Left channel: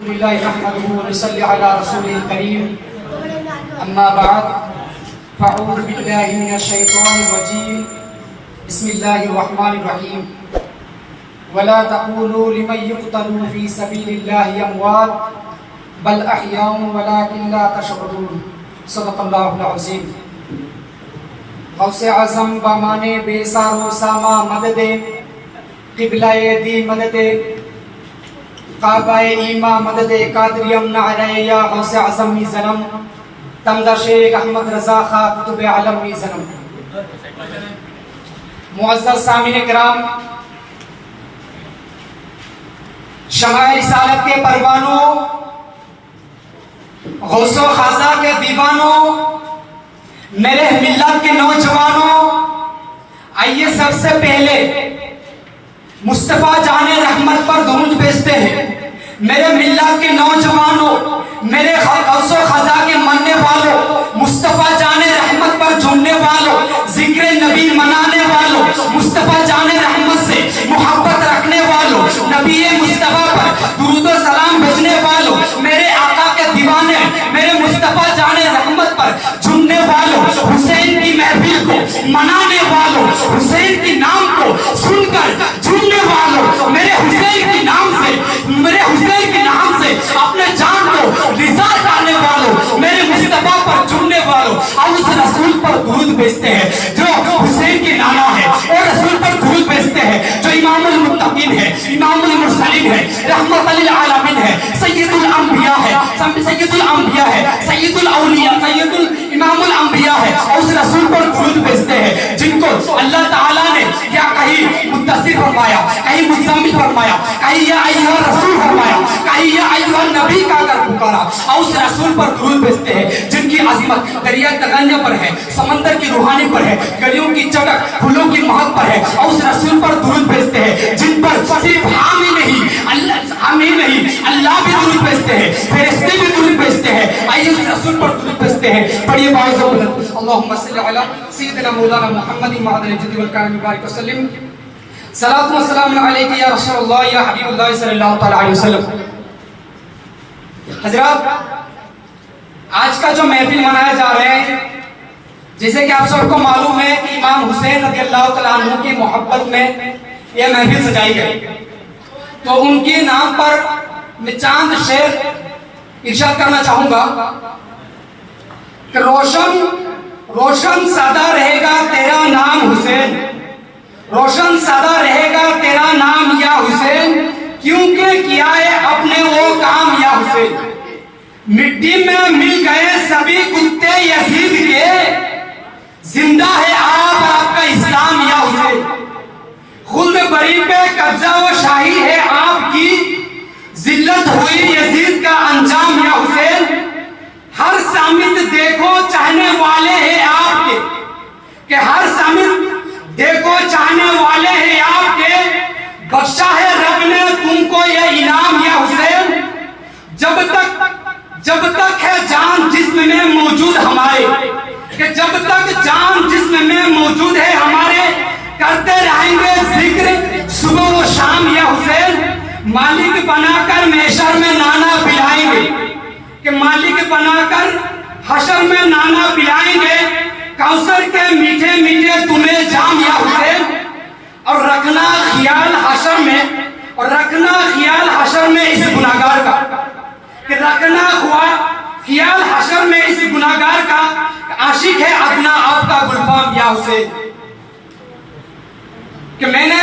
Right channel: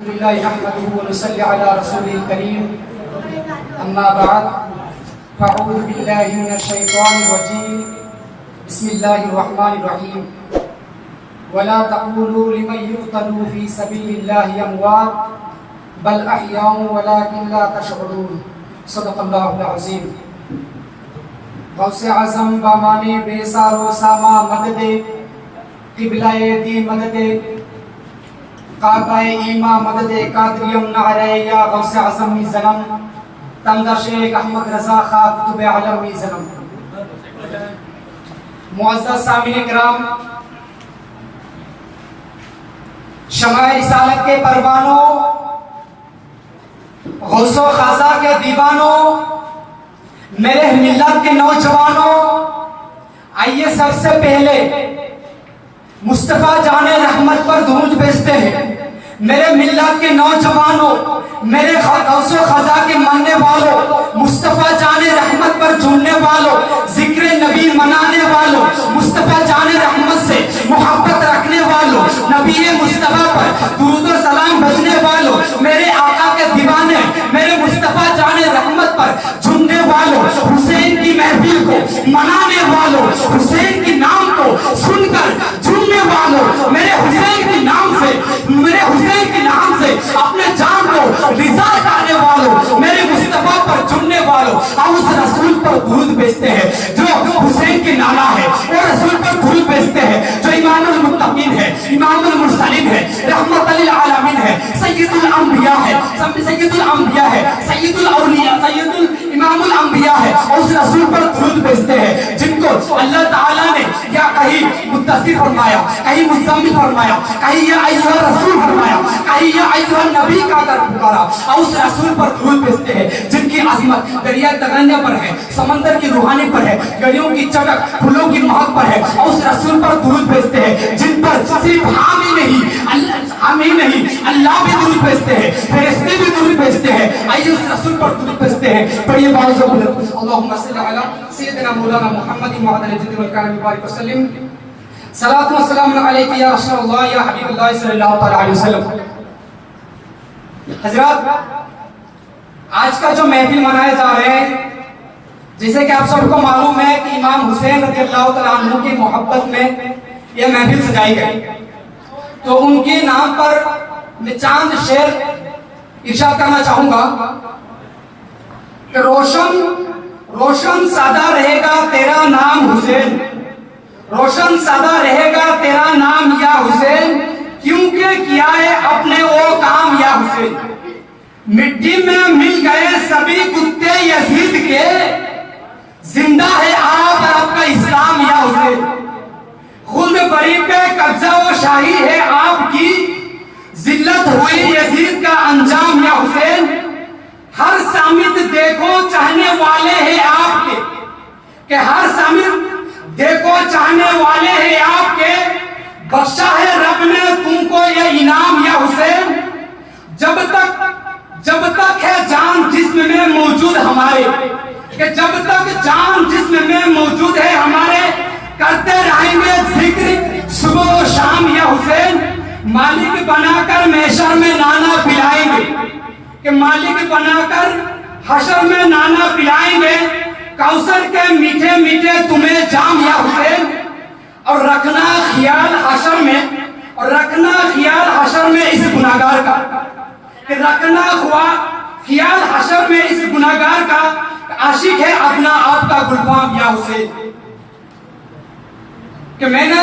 لله نحمده ونصلي على رسوله الكريم اما بعد فاعوذ بالله من الشيطان الرجيم بسم الله الرحمن الرحيم ولا تقولوا لمن يقتل في سبيل الله اموات بل احياء ولكن لا تشعرون صدق الله العظيم. غوث اعظم بامان بے سارو ساما مدد قبلہ دی مدد کعبہ ایما مدد قادریم نعرہ یا غوث اعظم می زنم تمدہ شیخ احمد رضا خواہ قطب عالم می زنم. معزز سامعین کرام، شمع رسالت کے پروانوں، غوث و خاصہ کے دیوانوں، میرے ملت کے نوجوانوں، آئیے سب سے پہلے مصطفیٰ جان رحمت پر درود بھیجتے ہیں. میرے ملت کے نوجوانوں، میرے غوث و خزاں کے ماننے والوں، مصطفیٰ جان رحمت پر جھومنے والوں، ذکر نبی منانے والوں، مصطفیٰ جان رحمت سے محبت رکھنے والوں، نبی مصطفیٰ پر درود و سلام بھیجنے والوں، میرے آقا کے دیوانے، میرے مصطفیٰ جان رحمت پر جھومنے والوں، حسین کی محفل کو منانے والوں، حسین کے نام کو سن کر جھومنے والوں، میرے حسین کے نام سے اپنے جان کو نثار ڈالنے والوں، میرے مصطفیٰ پر جھومنے والوں، اور اس رسول پر درود بھیجتے ہیں جو حسین کے نانا ہے، اور رسول پر درود بھیجتے ہیں جو امام المتقین ہے، امام المرسلین ہے، رحمت للعالمین ہے، سید الانبیاء ہے، سید الاولیاء، امام الانبیاء ہے، اور اس رسول پر درود بھیجتے ہیں جن کو اللہ تعالیٰ نے یا کہیں مدثر فرمایا، کہیں مزمل فرمایا، کہیں یا ایھا رسول فرمایا، کہیں یا ایھا نبی کا کر پکارا، اور اس رسول پر درود بھیجتے ہیں جن کی عظمت دریائے تغنیہ پر ہے، سمندر کی روحانی پر ہے، گلیوں کی چمک پھولوں کی مہک پر ہے، اور اس رسول پر درود بھیجتے ہیں جن پر صرف ہم ہی نہیں اللہ بھی درود بھیجتے ہیں، فرشتے بھی درود بھیجتے ہیں. آئیے اس رسول پر درود بھیجتے ہیں. پڑھیے باعث بلند اللہم صلی علی سیدنا مولانا محمد وعلی الجد والکرم بارک وسلم. صلاۃ و سلام علیک یا رسول اللہ یا حبیب اللہ صلی اللہ تعالی علیہ وسلم. حضرات، آج کا جو محفل منایا جا رہا ہے، جیسے کہ آپ سب کو معلوم ہے کہ امام حسین رضی اللہ تعالیٰ عنہ کی محبت میں یہ محفل سجائی گئی، تو ان کے نام پر میں چاند شعر ارشاد کرنا چاہوں گا کہ روشن سادہ رہے گا تیرا نام حسین، روشن سادہ رہے گا تیرا نام یا حسین، کیونکہ کیا ہے اپنے وہ کام یا حسین. مٹی میں مل گئے سبھی کتے یزید کے، زندہ ہے آپ کا اسلام یا حسین. خود بری پہ قبضہ و شاہی ہے آپ کی، ذلت ہوئی یزید کا انجام یا حسین. ہر سامت دیکھو چاہنے والے ہیں آپ کے، کہ ہر سامت دیکھو چاہنے والے ہیں آپ کے، بخشا ہے رب نے تم کو یہ انعام یا حسین. جب تک ہے جان جسم میں موجود ہمارے، کہ جب تک جان جسم میں موجود ہے ہمارے، کرتے رہیں گے ذکر صبح و شام یا حسین. مالک بنا کر محشر میں نانا پلائیں گے، کہ مالک بنا کر حشر میں نانا پلائیں گے، کوثر کے میٹھے میٹھے تمہیں جام یا حسین. اور رکھنا خیال حشر میں اس گناہگار کا، کہ رکھنا خیال حشر میں اس گناہگار کا، عاشق ہے اپنا آپ کا گلفام یا حسین. کہ میں نے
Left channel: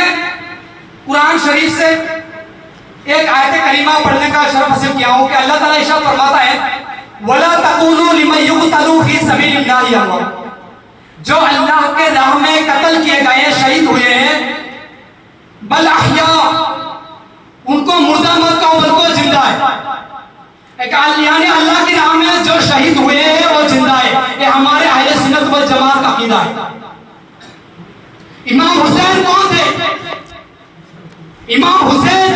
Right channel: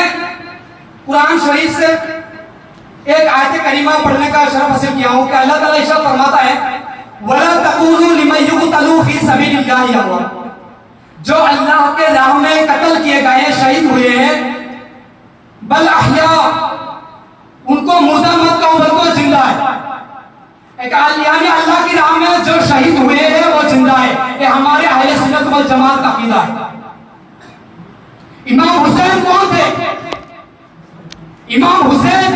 قرآن شریف سے ایک آیت کریمہ پڑھنے کا شرف حاصل کیا ہوں کہ اللہ تعالیٰ ارشاد فرماتا ہے وَلَا تَقُولُوا لِمَن يُقْتَلُ فِي سَبِيلِ اللَّهِ أَمْوَاتٌ، جو اللہ کے راہ میں قتل کیے گئے، شہید ہوئے ہیں، بل احیاء، ان کو مردہ مت کہو بلکہ زندہ ہے. یعنی اللہ کی راہ میں جو شہید ہوئے ہیں وہ زندہ ہے. یہ ہمارے اہل سنت والجماعت کا عقیدہ ہے. امام حسین کون تھے؟ امام حسین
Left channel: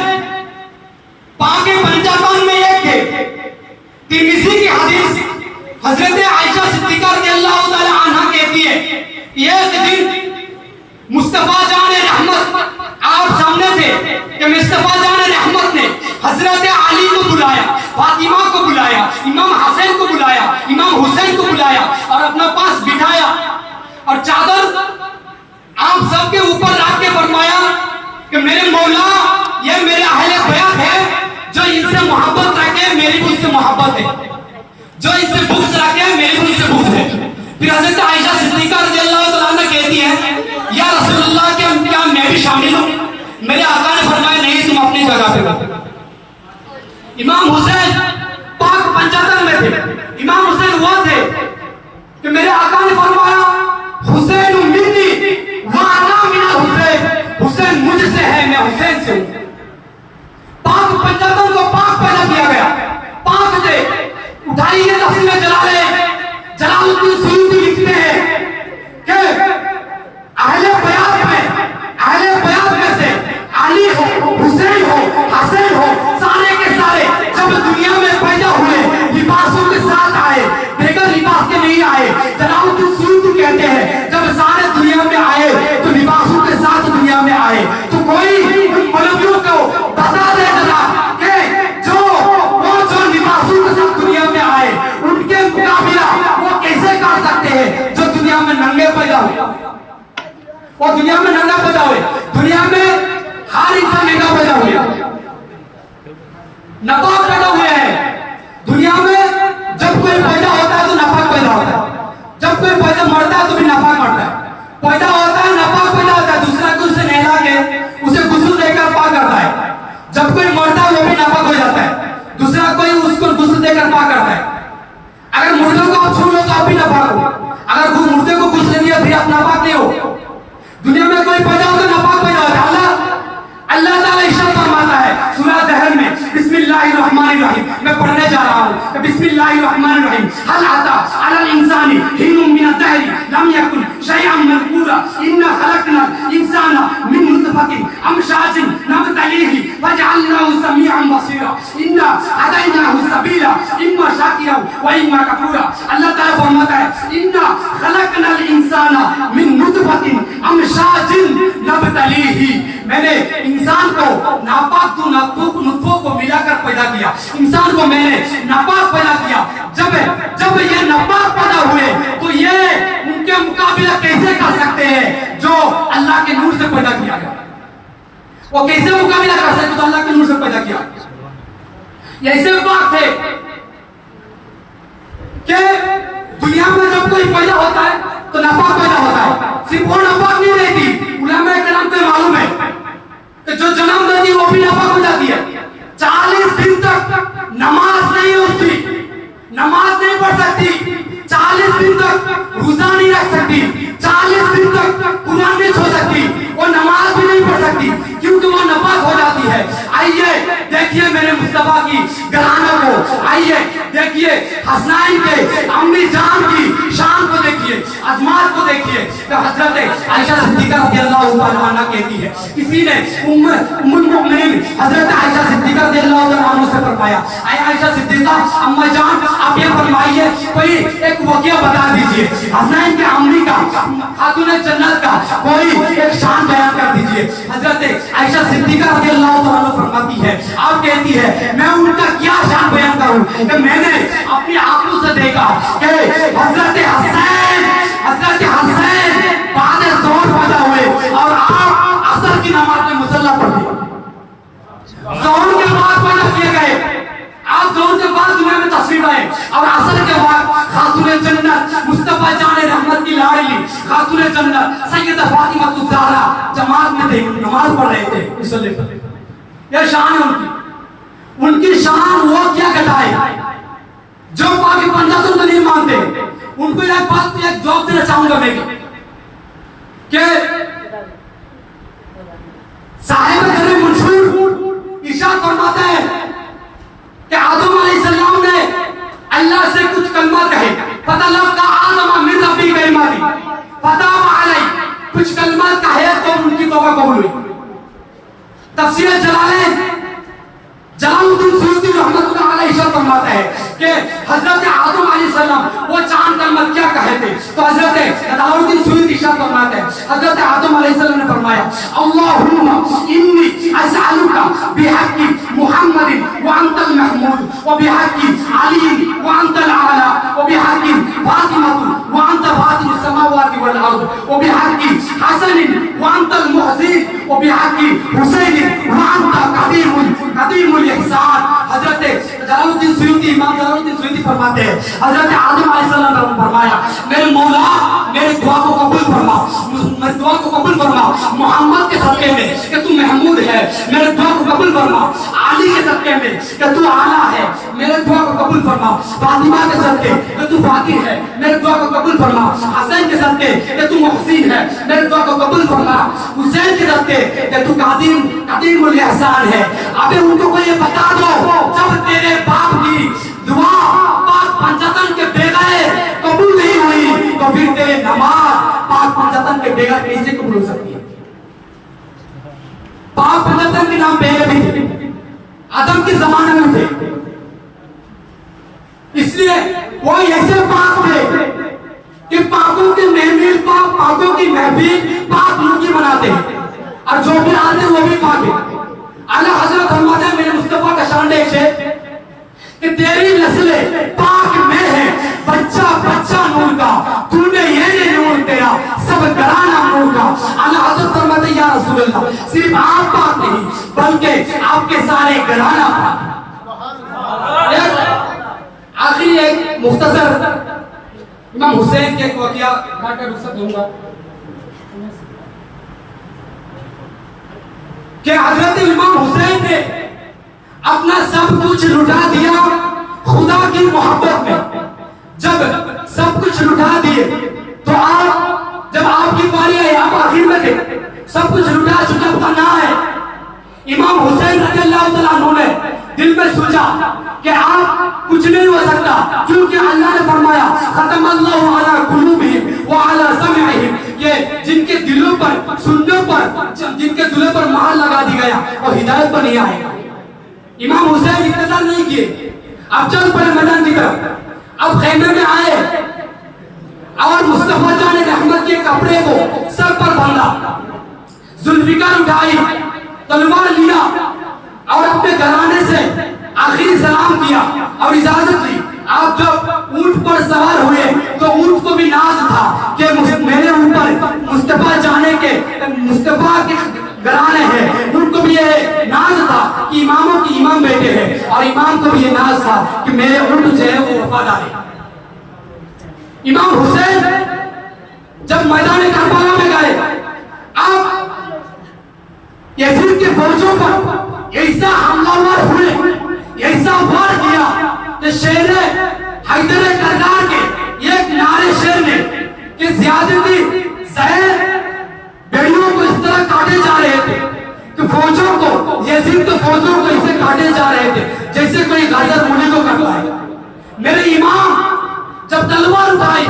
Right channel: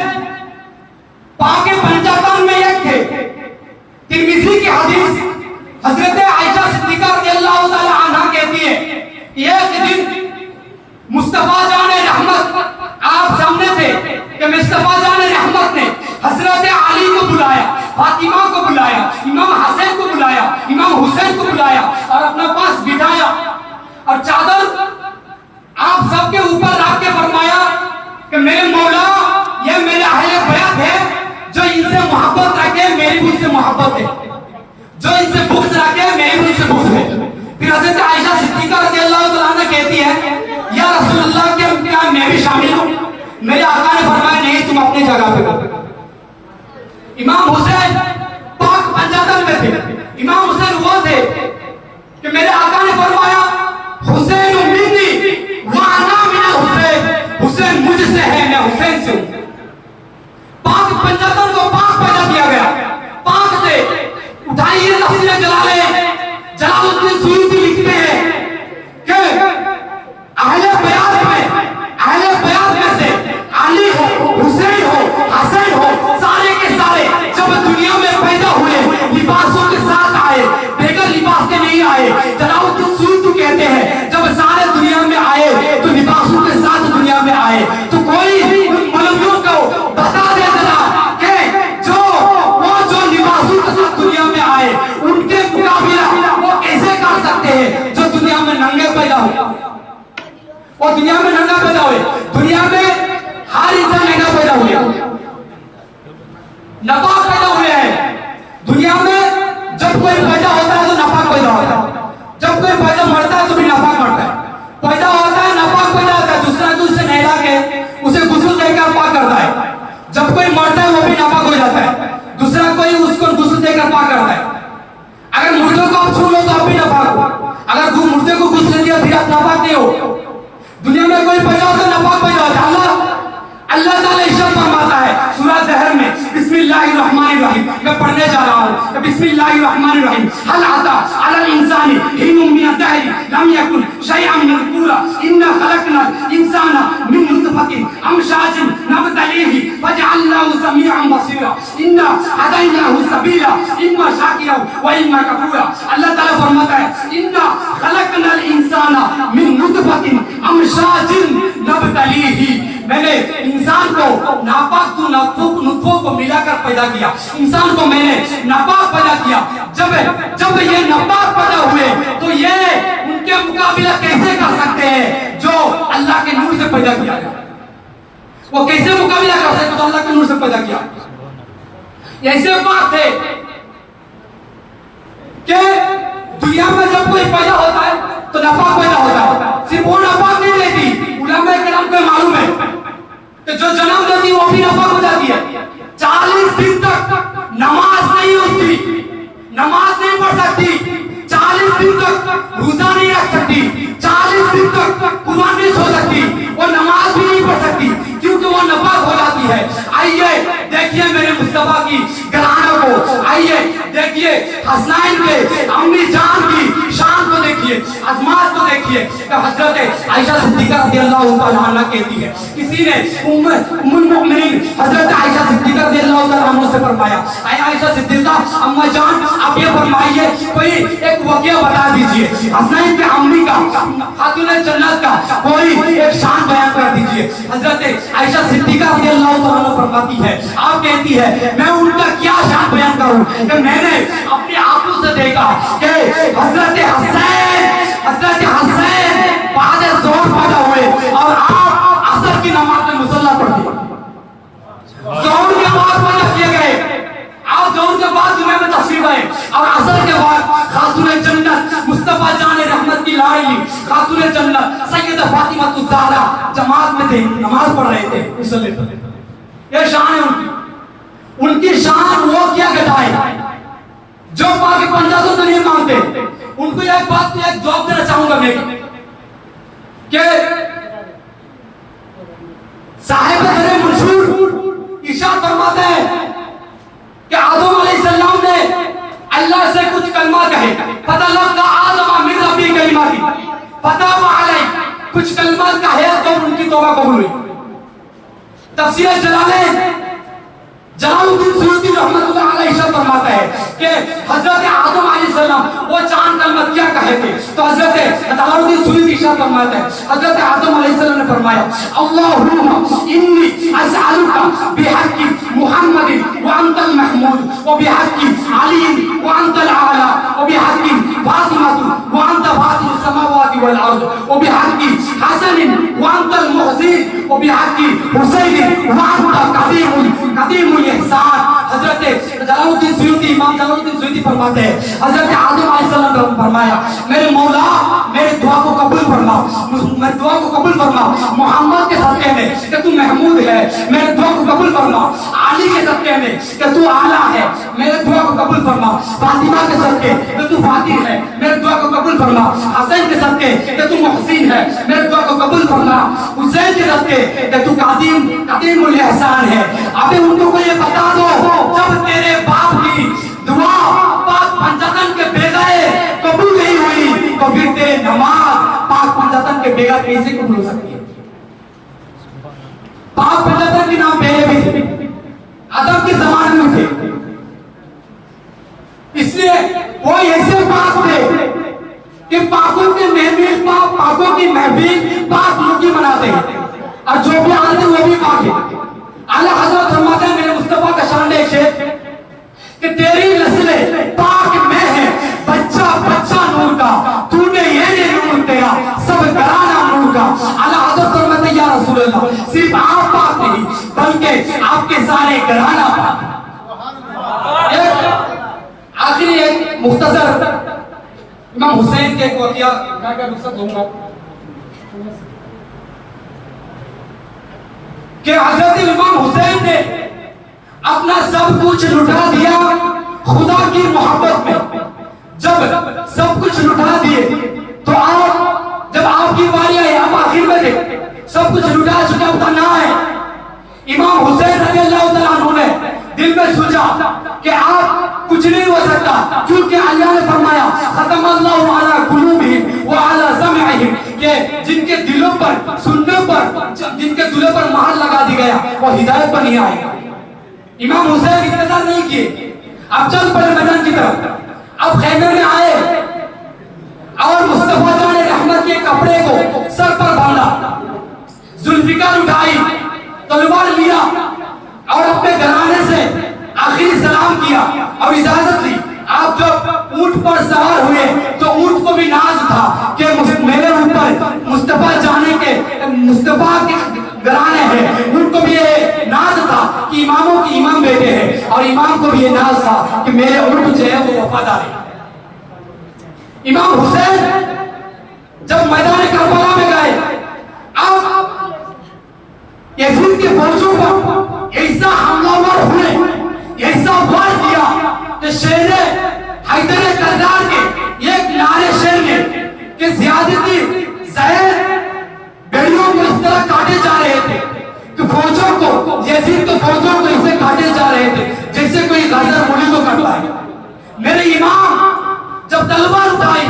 پاک پنجابان میں ایک تھے. ترمذی کی حدیث حضرت عائشہ صدیقہ رضی اللہ تعالی عنہ کہتی ہے ایک دن مصطفیٰ جان رحمت آپ سامنے تھے کہ مصطفیٰ جان رحمت نے حضرت علی کو بلایا मोहब्बत है, जो इनसे बुग़्ज़ रखे हैं मेरी भी इनसे बुग़्ज़ है। फिर हज़रत आयशा सिद्दीक़ा रज़ियल्लाहु तआला अन्हा कहती है या रसूल अल्लाह क्या मैं भी शामिल हूँ? मेरे आका ने फरमाया नहीं, तुम अपनी जगह पे। इमाम हुसैन पाक पंजातन में थे। इमाम हुसैन वो थे कि मेरे आका ने फरमाया हुसैन मिन्नी व अना मिना हुसैन, हुसैन मुझसे है मैं हुसैन से हूँ। पाक पंजातन को पाक पैदा किया गया, पाक थे। उठाइए तफसीर जलाले जलालुद्दीन सुयूती लिखते हैं कि अहले बयात में से अली हो, हुसैन हो, हसन हो, सारे के सारे जब दुनिया में पैदा हुए लिबासों के साथ आए, बेगर लिबास के नहीं आए। जलालुद्दीन सुयूती कहते हैं जब सारे दुनिया में आए तो लिबासों के साथ दुनिया में आए। तो कोई उन मौलवियों को बता दे जरा कि जो लिबासों के साथ दुनिया में आए उनके मुकाबला वो कैसे कर सकते हैं जो दुनिया में नंगे पैदा हुए। वो दुनिया में नंगा पैदा हुए, दुनिया में हर इंसान नंगा पैदा हुए, नापाक पैदा हुए हैं। दुनिया में जब कोई पैदा होता है तो नापाक पैदा होता है, जब कोई पैदा मरता है तो भी नापाक मरता है। पैदा होता है नापाक पैदा होता है, दूसरा कोई उसे नहला के उसे गुस्ल देकर पाक करता है। जब कोई मरता है वो भी नापाक हो जाता है, दूसरा कोई उसको गुस्ल देकर पाक करता है। अगर मुर्दे को आप छू लो तो आप भी नापाक हो, अगर वो मुर्दे को गुस्ल दिया फिर आप नापाक नहीं हो। दुनिया में कोई पैदा होता है नापाक पैदा होता है। अल्लाह ताला इरशाद फरमाता है सूरह दहर में बिस्मिल्लाहिर्रहमानिर्रहीम, मैं पढ़ने जा रहा हूँ बिस्मिल्लाहिर्रहमानिर्रहीम। हल अता अलल इंसानी हिनुम मिन अद-दहरि लम यकुन शयअन मज़कूरा इन्ना खलक़नल इंसाना मिन नुतफ़तिन अमशाजिन नब्तलीहि फजअलनाहु समीअन बसीरा इन्ना हदैनाहु सबीला इम्मा शाकिरा व इम्मा कफूरा। अल्लाह ताला फरमाता है इन्ना खलक़नल इंसाना मिन नुतफ़तिन अमशाजिन नब्तलीहि, मैंने इंसान को नापाक तो नुतफों को मिलाकर पैदा किया। इंसान को मैंने नापाक पैदा किया। जब ये नापाक पैदा हुए तो ये उनके मुकाबला कैसे कर सकते हैं जो अल्लाह के नूर से पैदा किया गया? वो कैसे मुकाबला कर सकते हैं जो अल्लाह के नूर से पैदा किया? ऐसे बात है कि दुनिया में जब कोई पैदा होता है तो नापाक पैदा होता है। सिर्फ वो नापाक नहीं रहती, उलमाए किराम को मालूम है कि जो जन्म देती है वो भी नापाक हो जाती है। 40 दिन तक नमाज नहीं होती, नमाज नहीं पढ़ सकती, 40 दिन तक रोजा नहीं रख सकती, 40 दिन तक कुरान नहीं छू सकती, वो नमाज भी नहीं पढ़ सकती क्योंकि वो नापाक हो जाती है। आइए देखिए मेरे मुस्तफा की घराना को, आइए देखिए हसनैन के अम्मी जान की शान को देखिए, अजमात को देखिए। तो हजरत आयशा सिद्दीक़ा रज़ियल्लाहु तआला अन्हा कहती है, किसी ने उम्मुल मोमिनीन हजरत आयशा सिद्दीक़ा रज़ियल्लाहु तआला अन्हा से फरमाया, आयशा सिद्दीक़ा अम्मा जान आप ये फरमाइए कोई एक वाक़या बता दीजिए हसनैन के अम्मी का, खातून जन्नत का कोई एक शान बयान कर दीजिए। हजरत आयशा सिद्दीक़ा रज़ियल्लाहु तआला अन्हा फरमाती है, आप कहती है मैं उनका क्या शान बयान करूं कि मैंने अपनी आंखों से देखा कि हजरत हसैन बाद ज़ोहर पैदा हुए और आप असर की नमाज में मुसल्ला पढ़े। ज़ोहर के बाद पैदा किए गए, आप ज़ोहर के बाद जुमे में तशरीफ आए और असर के बाद खातून जन्नत मुस्तफा जान रहमत की लाडली खातून जन्नत सैयदा फातिमा ज़हरा जमात में थे, नमाज पढ़ रहे थे मुसल्ले पर। यह शान है उनकी शान वो क्या कहलाए जो बाकी पंजाब तो नहीं मानते। उनको एक बात एक जवाब देना चाहूंगा मैं कि साहिब दर मंसूर इरशाद फरमाते हैं कि आदम अलैहिस्सलाम ने अल्लाह से कुछ कलमा कहे, फतलक्का आदम मिन रब्बी कलिमाति फताबा अलैहि, कुछ कलमा कहे तो उनकी तौबा कबूल हुई। तफसीर जलालुद्दीन सुयूती रहमतुल्लाह अलैहि फरमाता है कि हजरत आदम अलैहिस्सलाम वो चांद कलमा क्या कहे थे, तो हजरत जलालुद्दीन सुयूती फरमाते हैं हजरत आदम अलैहिस्सलाम ने फरमाया अल्लाहुम्मा इन्नी असअलुका बिहक्की मुहम्मदिन व अंतल महमूद व बिहक्की अली व अंतल आला व बिहक्की फातिमा व अंत फातिह समावाति वल अर्द व बिहक्की हसन व अंतल मुहसिन व बिहक्की हुसैन व अंत कदीमुल इहसान। हजरत जलालुद्दीन सुयूती सयूदी, इमाम जलालुद्दीन सयूदी फरमाते हैं, हजरत आदम अलैहिस्सलाम ने फरमाया, मेरे मौला मेरी दुआ को कबूल फरमा, मेरी दुआ को कबूल फरमा, मोहम्मद के सदक़े में कि तू महमूद है, मेरे दुआ को कबूल फरमा, अली के सदक़े में कि तू आला है, मेरे दुआ को कबूल फरमा, फातिमा के सदक़े कि तू फातिह है, मेरे दुआ को कबूल फरमा, हसन के सदक़े कि तू मुहसिन है, मेरे दुआ को कबूल फरमा, हुसैन के सदक़े कि तू कदीमुल इहसान है। अभी उनको को ये बता दो, जब तेरे बाप की दुआ पाक पंजातन के बगैर कबूल नहीं हुई तो फिर तेरे नमाज पाक पंजातन के बगैर कैसे कबूल हो सकती है? पाक पंजातन के नाम पहले भी थे, आदम के जमाने में थे, इसलिए कोई ऐसे पाक थे कि पाकों के महफिल पाकों की महफिल पाक लोग ही मनाते हैं और जो भी आते हैं वो भी पाक है। आला हजरत फरमाते हैं मेरे मुस्तफा का शान है कि तेरी नस्लें पाक में है, बच्चा बच्चा नूर का, तूने ये नूर तेरा सब घराना नूर का। आला हजरत फरमाते हैं या रसूल अल्लाह, सिर्फ आप पाक नहीं बल्कि आपके सारे घराना पाक। आखिरी एक मुख्तसर इमाम हुसैन के एक वाक़या का रुखसत लूंगा कि हजरत इमाम हुसैन ने अपना सब कुछ लुटा दिया खुदा की मोहब्बत में। जब सब कुछ लुटा दिए तो आप जब आपकी बारी आई, आप आखिर में थे, सब कुछ लुटा चुका होता ना है, इमाम हुसैन रज़ियल्लाहु तआला अन्हु ने दिल में सोचा कि आप कुछ नहीं हो सकता, क्योंकि अल्लाह ने फरमाया खतमल्लाहु अला कुलूबिहिम व अला समइहिम, कि जिनके दिलों पर सुनने पर जिनके दिलों पर मोहर लगा दी गया वो हिदायत पर नहीं आएगा। इमाम हुसैन इंतजार नहीं किए, अब चल पड़े मैदान की तरफ। अब खैमे में आए और मुस्तफा जान रहमत के कपड़े को सर पर बांधा, जुल्फिकार उठाई, तलवार लिया और अपने घराने से आखिरी सलाम किया और इजाजत ली। आप जब ऊंट पर सवार हुए तो ऊंट को भी नाज था कि मेरे ऊपर मुस्तफा जाने के मुस्तफा के घराने हैं, उनको भी ये नाज था कि इमामों के इमाम बेटे हैं, और इमाम को भी ये नाज था कि मेरे ऊंट जो है वो वफादार है। इमाम हुसैन जब मैदान करबला में गए, अब यजीद के फौजों पर ऐसा हमलावर हुए, ऐसा वार किया कि शेर हैदर करदार के एक नारे शेर ने कि ज़ियादती ज़ैद बेड़ियों को इस तरह काटे जा रहे थे कि फौजों को, यजीद के फौजों को इसे काटे जा रहे थे जैसे कोई गाजर मुली को काटता है। मेरे इमाम जब तलवार उठाई